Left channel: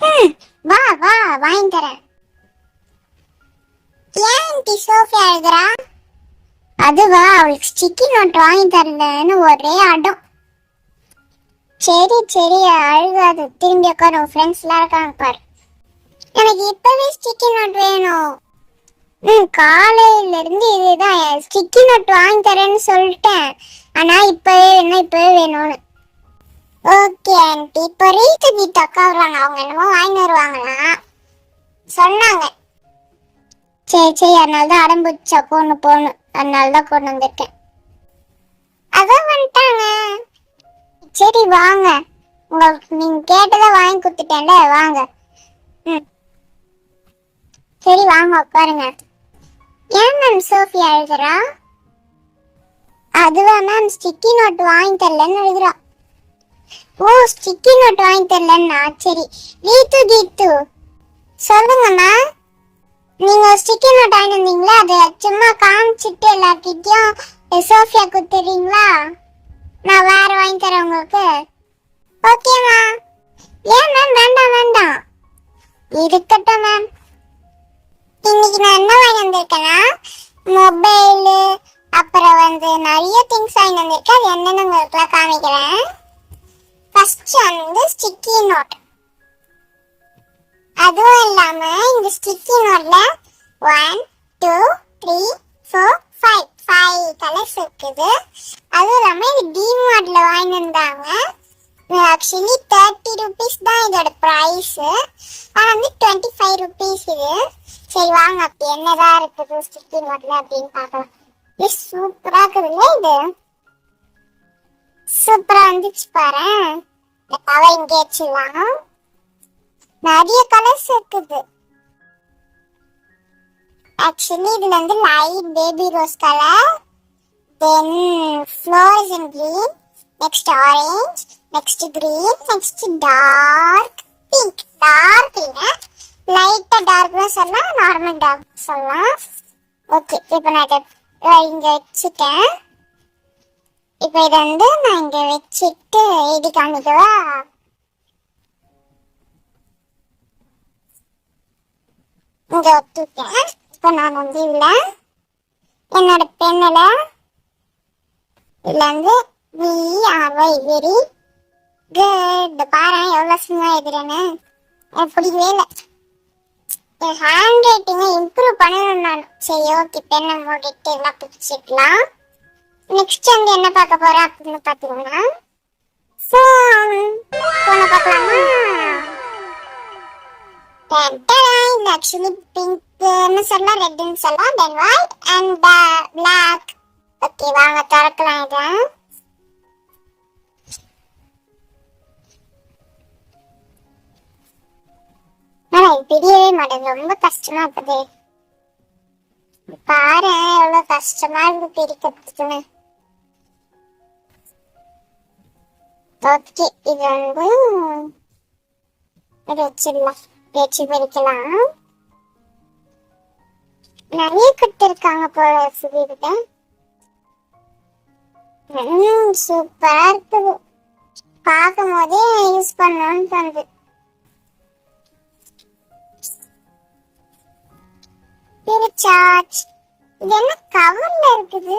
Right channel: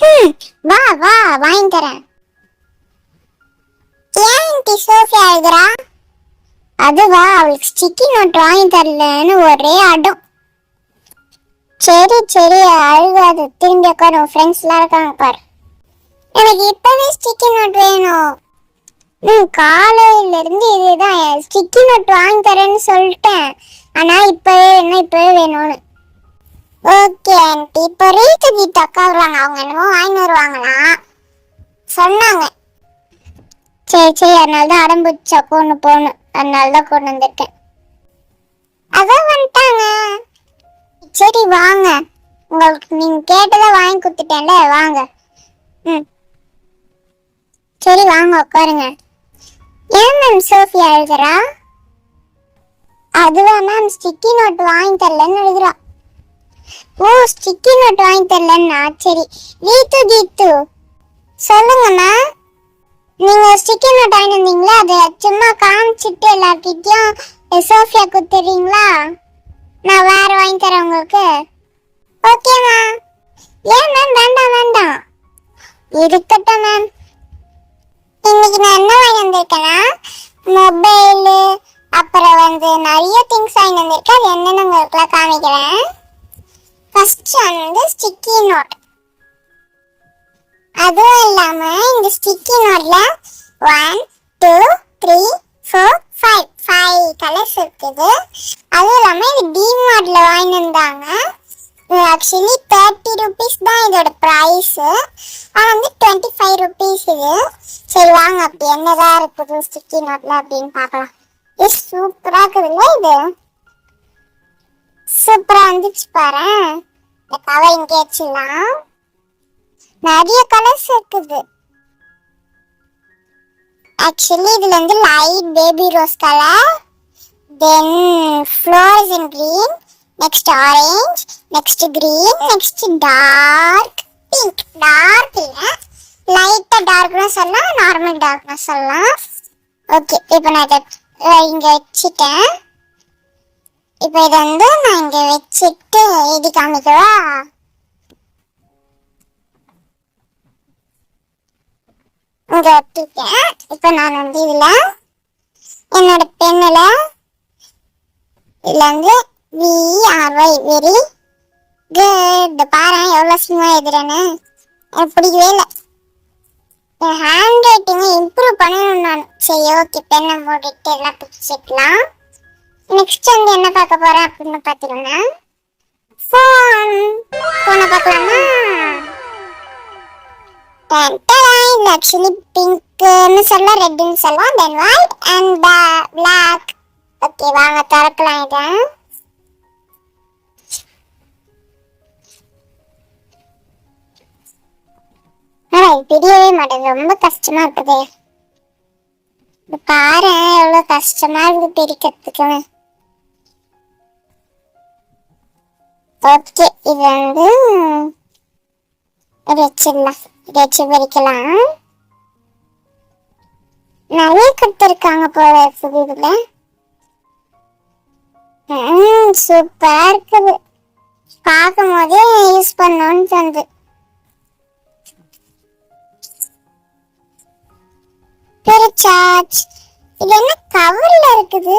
வா வா வாங்கி தரேன். ஏன் டி சோஃபியா எழுதுறா? அதுவா அவளுக்கு ஸ்டிக்கி நோட் வாங்கி தரலன்னு ஒரே அடம். சரி சரி அழுகாது திரும்பி உட்காரு ஃப்ரெண்ட்ஸ்லாம் இருக்காங்க பாரு. எனக்கு இப்பவே ஸ்டிக்கி நோட் வேணும். ம் காலையிலேருந்து இதுதான் ஸ்டிக்கி நோட் வாங்கி தரேன்னு சொல்லிட்டேன். ஆனால் இப்போவே என்ன இப்போவே வேணும்னு. ஓகே ஆண்டி இப்போ ரீத்து கீட் அக்கா வருவாங்க. அவங்க என்னமோ வாங்கி வருவாங்களாம் சொன்னாங்க. சரி சரி. அதனால தான் அடம்புச்சா கொண்டு போகணும் அதனால தான் கொண்டு வந்துட்டேன் அதான் வந்துட்டாங்க. சரி வாங்க. உங்களுக்கு நீங்கள் கேட்டதை வாங்கி கொடுத்துட்டேன்ல. வாங்க. ம். சரி வாங்க உட்காருங்க. ஏன் மேம் சோஃபியா எழுதுறா? அதுவா மேம் ஸ்டிக்கி நோட் வாங்கி தரலன்னு எழுதுறா. ஓ ஸ்டிக்கி நோட் வாங்கி தரலன்னா? சரி. கீத்து கீத்து. சொல்லுங்கம்மா. நீங்க ஸ்டிக்கி நோட் வாங்கி வந்தீங்களா அதை சும்மா காமிச்சிட்டு எல்லார்கிட்டயும் சோஃபியா கொடுத்துறீங்களா? நான் வேற வாங்கி தரேன் உங்களுக்கு. ஓகேம்மா ஏன் மேம் வேண்டாம் வேண்டாம். இருக்கட்டும் மேம் இன்னைக்கு நான் என்ன வாங்கி வந்திருக்கேன்னா மொபைலு அப்புறம் வந்து நிறைய திங்ஸ் வாங்கி வந்திருக்கேன். அது என்னென்னு உங்களுக்குலாம் காமிக்கிறேன். ஃபர்ஸ்ட் வந்து ஸ்டிக்கி நோட் அதுவும் இல்லாம இந்த ஸ்டிக்கி நோட்ல one two three four five five colours இருக்குது. அதுவும் இல்லாம இது டிமார்ட்ல வாங்கி வந்தாங்க ஆக்சுவலி தேர்ட்டி ருபீஸ் தான் இதோட ப்ரைஸ் ஆனால் வந்து டுவெண்ட்டி ஃபைவ் ருபீஸ் இது. சரி வாங்க. அப்படி என்னதான் இருக்குது ஸ்டிக்கி நோட்ல அப்படின்னு பார்க்கலாம். இது சூப்பராக இருக்குதுல்ல இது? சூப்பரா வந்துச்சு பாரு. இந்த கவர் இங்கே வச்சுலாம் நிறைய கலர்ஸ் இருக்குது. ஆக்சுவலி இதுல வந்து light baby rose colour then floors in green next orange next green next dark pink dark இல்லை லைட்டாக டார்க்னா சொல்லலாம் நார்மல் டார்க்னா சொல்லலாம். ஓகே இப்போ நான் இதை இங்கே வச்சுட்டேன். இப்போ இதை வந்து நான் இங்க வச்சுட்டு எழுதி காமிக்கவா? இங்க ஒட்டிட்டேன். இப்போ நான் வந்து இதுல என்னோட பெண்ணுல இதுல வந்து விஆர்ஒய் வெரி குட் பாரு எவ்வளவு சும்மா எழுதுறேன்னு. எனக்கு பிடிக்கவே இல்லை. என் ஹேண்ட் ரைட்டிங்கை இம்ப்ரூவ் பண்ணணும் நான் சரி ஓகே பெண்ணை மூடிட்டு எல்லாம் பிடிச்சிக்கலாம் நெக்ஸ்ட் வந்து என்ன பார்க்க போறேன் அப்படின்னு பார்த்தீங்கன்னா ஃபோன் ஃபோனை பார்க்கலாமா? இது ஆக்சுவலி பிங்க்னு சொல்லலாம் ரெட்னு சொல்லலாம். Then white and black okay வாங்க திறக்கலாம் இதை. தெரியவே பிரியவே மாட்டேங்குது. ரொம்ப கஷ்டமா இருக்குது. பாரு எவ்வளவு கஷ்டமா இருக்கு பிரிக்கிறதுக்குன்னு ஓகே இது வந்து இது வச்சிடலாம் பிரிக்கலாம் நிறைய கொடுத்துருக்காங்க போல இருக்குது இதுல சூப்பரா இருக்குது. பார்க்கும் போதே யூஸ் பண்ணணும்னு தந்து பிரிச்சாச் இது என்ன கவர்ல இருக்குது?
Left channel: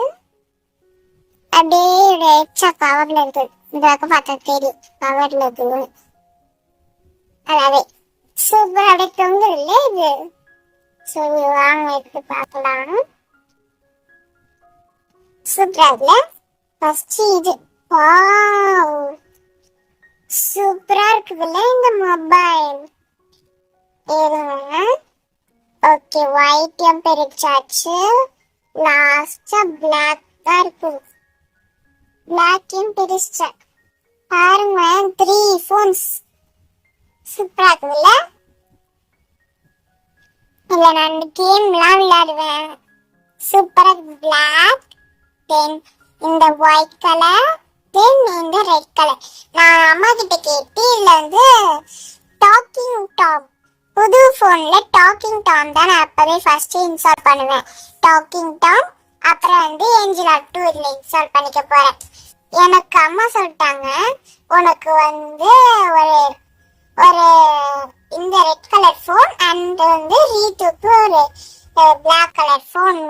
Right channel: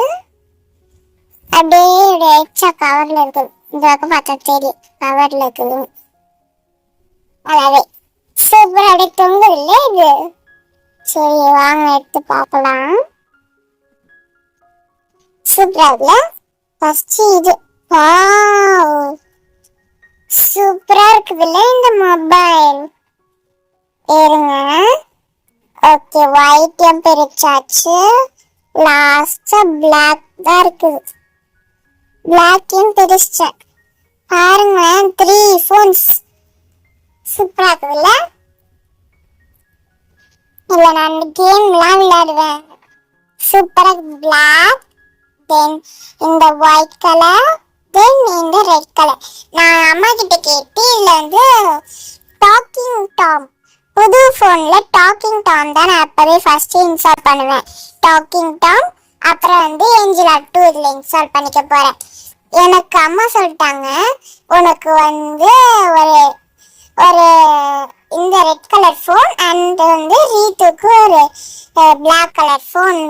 அப்படியே எச்சா கவர்ல இருக்குது. இந்த பக்கம் பார்த்தா தெரியும் கவர்ல இருக்குது அதாவது சூப்பர் அப்படியே தொங்குது இல்ல இது? சரி வாங்க எடுத்து பார்க்கலாம் சூப்பரா இல்ல ஃபர்ஸ்ட் இது. சூப்பரா இருக்குதுல்ல இந்த மொபைல் இருங்க. ஓகே ஒயிட்டையும் பிரிச்சாச்சு லாஸ்டா பிளாக் தான் இருக்குது. பிளாக்கையும் பிரிச்சேன் பாருங்களேன் த்ரீ ஃபோன்ஸ் சூப்பரா இருக்குதுல்ல? இல்ல நான் கேம்லாம் விளையாடுவேன். சூப்பராக பிளாக் தென் இந்த ஒயிட் கலர் தென் இந்த ரெட் கலர் நான் அம்மா கிட்ட கேட்டு இதில் வந்து டாக்கிங் டாம் புது ஃபோனில் டாக்கிங் டாம் தான் நான் அப்போவே ஃபஸ்ட்டு இன்ஸ்டால் பண்ணுவேன். டாக்கிங் டாம் அப்புறம் வந்து ஏஞ்சல் டூ இதில் இன்ஸ்டால் பண்ணிக்க போகிறேன் எனக்கு அம்மா சொல்லிட்டாங்க உனக்கு வந்து ஒரு ஒரு இந்த ரெட் கலர் ஃபோன் அண்ட் வந்து ரீத்துக்கு ஒரு பிளாக் கலர் ஃபோன்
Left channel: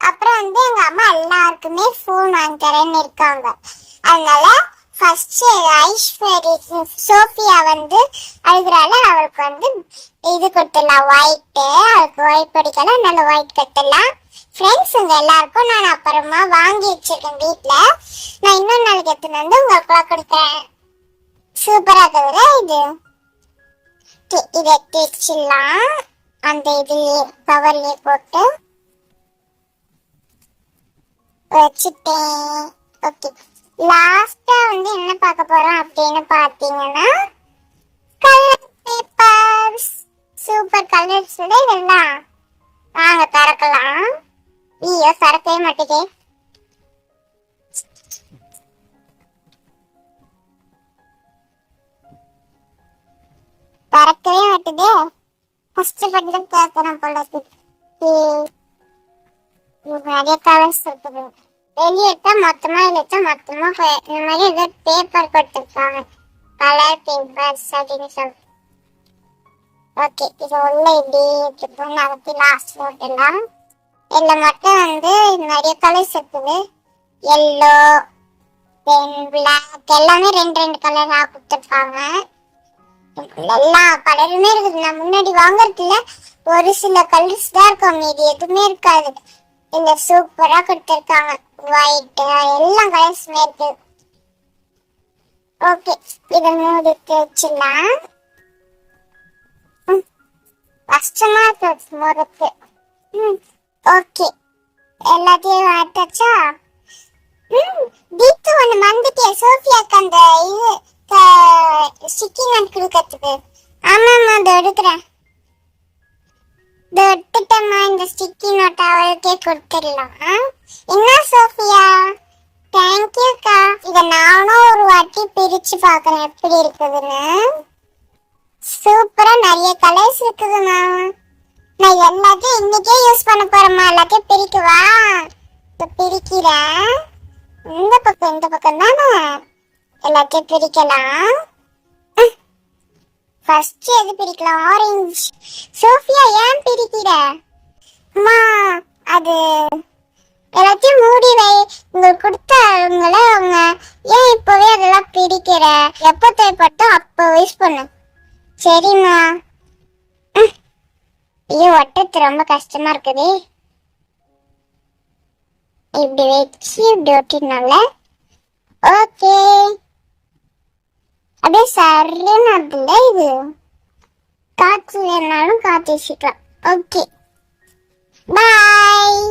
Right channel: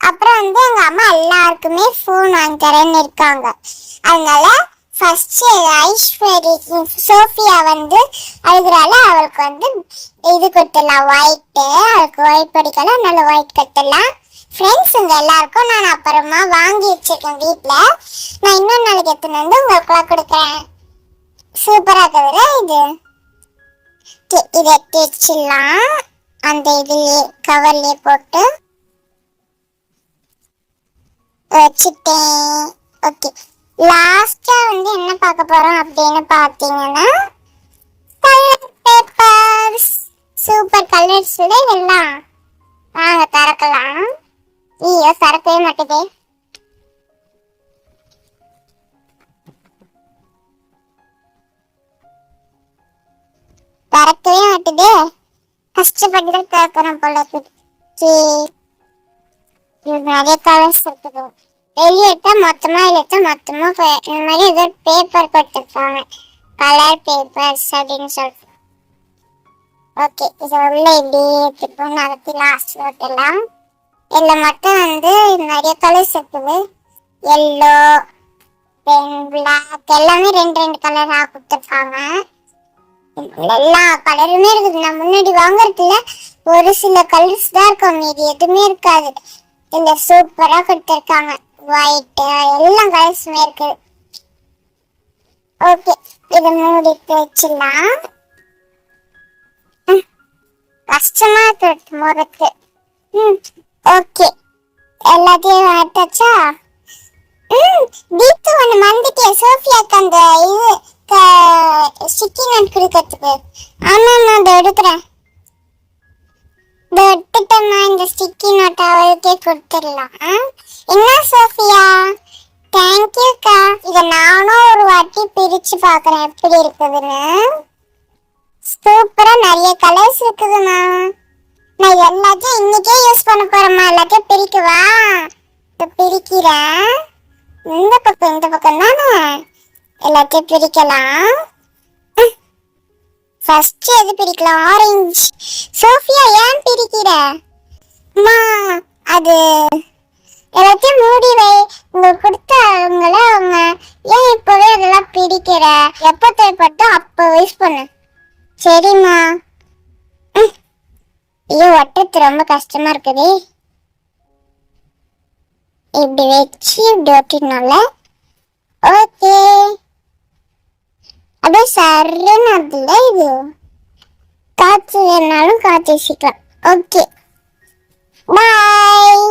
அப்புறம் வந்து எங்கள் அம்மா எல்லாருக்குமே ஃபோன் வாங்கி தரேன்னு இருக்காங்க. அதனால ஃபர்ஸ்ட் ஐஸ்வரி சோஃபியா வந்து அழுகுறால அவளுக்கு வந்து இது கொடுத்துடலாம் ஒயிட்டு அவளுக்கு ஒயிட் படிக்கலாம் அதனால ஒயிட் கட்டலாம் ஃப்ரெண்ட்ஸுங்க எல்லாருக்கும் நான் அப்புறமா வாங்கி வச்சிருக்கேன் வீட்டில் நான் இன்னொரு நாளைக்கு எடுத்துன்னு வந்து உங்களுக்குலாம் கொடுக்குறேன். சூப்பராக இருக்குதுல இது? இதை எடுத்து வச்சிடலாம் அந்த இதுலேயே கவர்லேயே போட்டு. வச்சுட்டேன். ஓகே லாஸ்ட்டாக வந்து என்ன பார்க்க போகிறோம் அப்படின்னு பார்த்தீங்கன்னா கலர் பேப்பர்ஸ் சூப்பர் கலர்ஸ் இதெல்லாம். வாங்க திறக்கலாம். ஐயோ திறக்கவே மாட்டேதே திறக்கவே மாட்டேதே. கஷ்டப்பட்டு தான் திறக்கணும் போல நிறைய கலர்ஸ் இருக்குது. வெளியே எடுத்தா மொத்தமா எடுத்தா மொத்தமா இந்த மாதிரி ஏதோ பேப்பர் கொடுத்துருப்பாங்க. கலர் பேப்பர்ஸ் அப்படின்னு சொல்லிட்டு. ஓகே இது உள்ள இப்படி இருக்கும் நடத்தி லாஸ்ட் ஓட்டலாம் இதில் மட்டும் வந்து நிறைய கலர்ஸ் இருக்குது. எல்லோ தென் பிளாக் எல்லாமே ரெண்டு ரெண்டு கலராக கொடுத்துருக்காங்க. எல்லா கலருமே இருக்குது. நான் முன்னாடி வாங்குறதுல ஒரு சில கலர்ஸ் தான் இருக்கும். மீதி எதுவுமே இருக்காது. இந்த சூப்பராக கொடுத்துருக்காங்க. ஒயிட்டு எல்லா கலர்ஸுமே இருக்குது ஓகே இதை மூடிட்டு வச்சிடலாம். கஷ்டமா இருக்கு முறுக்கு ம் ஓகே. எல்லாத்தையும் வாட்டாச்சா ம் தீப்து ஒன்று மறந்துட்டேன் சோஃபியாக்கு அந்த இது ஸ்டிக்கி நட் கொடுக்கறதுக்கு. ஆமாம் அதை எடுக்கிறேன். இதை இந்த ஸ்டிக்கி நோட்டை அவளுக்கே கொடுத்துடலாம். ஆ? என்ன சோஃபியா? தேங்க்யூக்கா இதை நானும் ஒரு வாட்டி பிரித்து பார்க்குறேன் எப்படி இருக்குதுன்னு. சூப்பராக நிறைய கலர் இருக்குதுமா நான் எல்லாத்தையும் இன்னைக்கே யூஸ் பண்ண போறேம்மா. எல்லாத்தையும் பிரிக்கவா இப்போ பிரிக்கிறேன். இந்த பக்கம் இந்த பக்கம் தானே? எல்லாத்தையும் பிரிக்கலாம். ஃபர்ஸ்ட் எது பிரிக்கலாம்? ஆரஞ்சு சோஃபியா ஏன் பிரிக்கிற? அம்மா அது எல்லாத்தையும் மூடி வை. உங்களுக்கு கொடுத்தவங்கள அவங்க ஏன் இப்போவே அதெல்லாம் பிரிக்கிற? எப்போ தேவைப்பட்டோ அப்போ யூஸ் பண்ணு. சரிம்மா. வைக்கிறது ரொம்ப கஷ்டமா இருக்குது. இப்படி வச்சு இப்படி ஒட்டினால ஓகே. அப்படியே சருன்னு அதுல இது. காற்று வேணாலும் காய்ச்சி வச்சுக்கலாம் ஓகே. பாய்